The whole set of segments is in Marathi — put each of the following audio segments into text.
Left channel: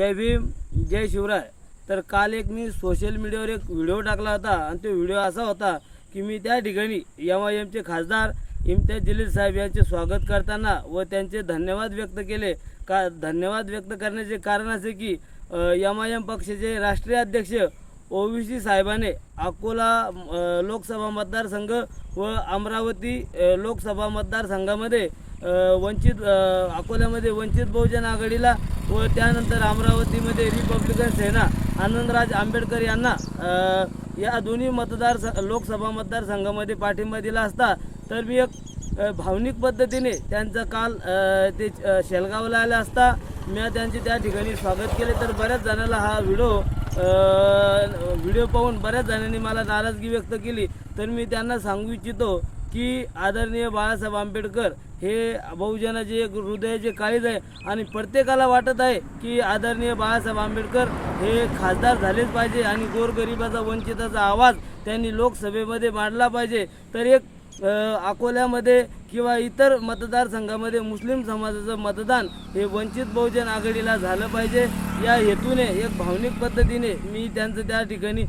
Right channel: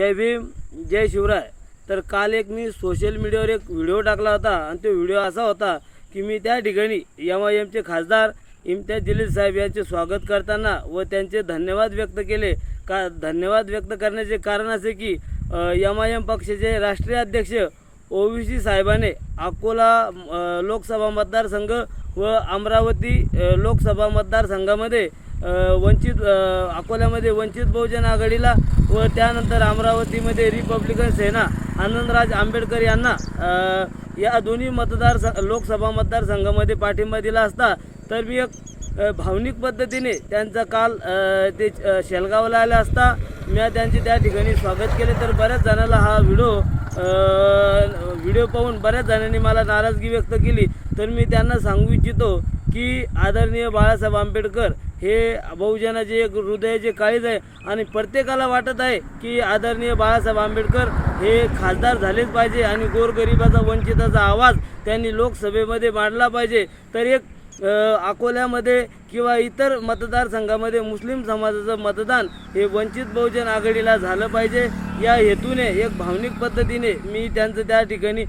जय भीम जय शिवराय. तर काल एक मी सोशल मीडियावर एक व्हिडिओ टाकला होता आणि तो व्हिडिओ असा होता की मी त्या ठिकाणी एम आय एमचे खासदार इम्तियाज जलील साहेब यांचे स्वागत करताना व त्यांचे धन्यवाद व्यक्त केले. का धन्यवाद व्यक्त करण्याचे कारण असे की एम आय एम पक्षाचे राष्ट्रीय अध्यक्ष ओवीसी साहेबाने अकोला लोकसभा मतदारसंघ व अमरावती लोकसभा मतदारसंघामध्ये वंचित अकोल्यामध्ये वंचित बहुजन आघाडीला व त्यानंतर अमरावतीमध्ये रिपब्लिकन सेना आनंदराज आंबेडकर यांना या दोन्ही मतदार लोकसभा मतदारसंघामध्ये पाठिंबा दिला असता. तर मी एक भावनिक पद्धतीने त्यांचा काल ते शेलगावला आले असता. मी त्यांचे त्या ठिकाणी स्वागत केले. तर बऱ्याच जणांना हा व्हिडिओ व्हिडिओ पाहून बऱ्याच जणांनी मला नाराजगी व्यक्त केली. तर मी त्यांना सांगू इच्छितो की आदरणीय बाळासाहेब आंबेडकर हे बहुजनाचे एक हृदयाचे काळीज आहे आणि प्रत्येकाला वाटत आहे की आदरणीय बाळासाहेब आंबेडकर हे खासदार झालेच पाहिजे आणि गोरगरिबाचा वंचिताचा आवाज त्यांनी लोकसभेमध्ये मांडला पाहिजे. तर एक अकोल्यामध्ये किंवा इतर मतदारसंघामध्ये मुस्लिम समाजाचं मतदान हे वंचित बहुजन आघाडीला झालं पाहिजे. या हेतूने एक भावनिक पद्धतीने मी त्यांचं त्या ठिकाणी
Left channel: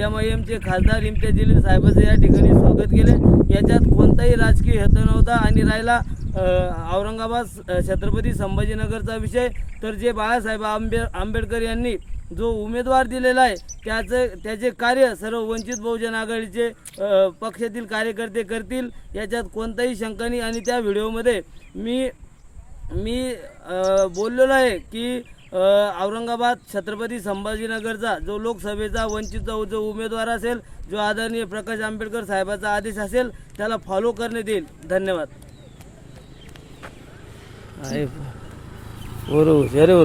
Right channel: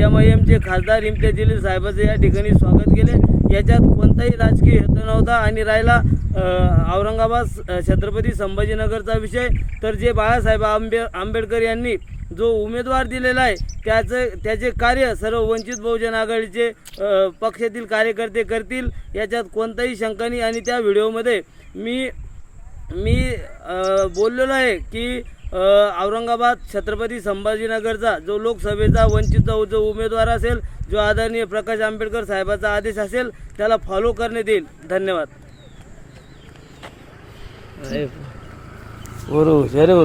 एम आय एमचे खासदार इम्तियाज जलील साहेबाचं या ठिकाणी स्वागत केले याच्यात कोणताही राजकीय हेतू नव्हता आणि राहिला औरंगाबाद छत्रपती संभाजीनगरचा विषय. तर जे बाळासाहेब आंबे आंबेडकर यांनी जो उमेदवार दिलेला आहे त्याचं त्याचे कार्य सर्व वंचित बहुजन आघाडीचे पक्षातील कार्यकर्ते करतील याच्यात कोणताही शंका नाही. आणि त्या व्हिडिओमध्ये मी मी बोललेलो आहे की औरंगाबाद छत्रपती संभाजीनगरचा जो लोकसभेचा वंचितचा जो उमेदवार असेल जो आदरणीय प्रकाश आंबेडकर साहेबाचा आदेश असेल त्याला फॉलो करण्यात येईल. धन्यवाद. बरोबर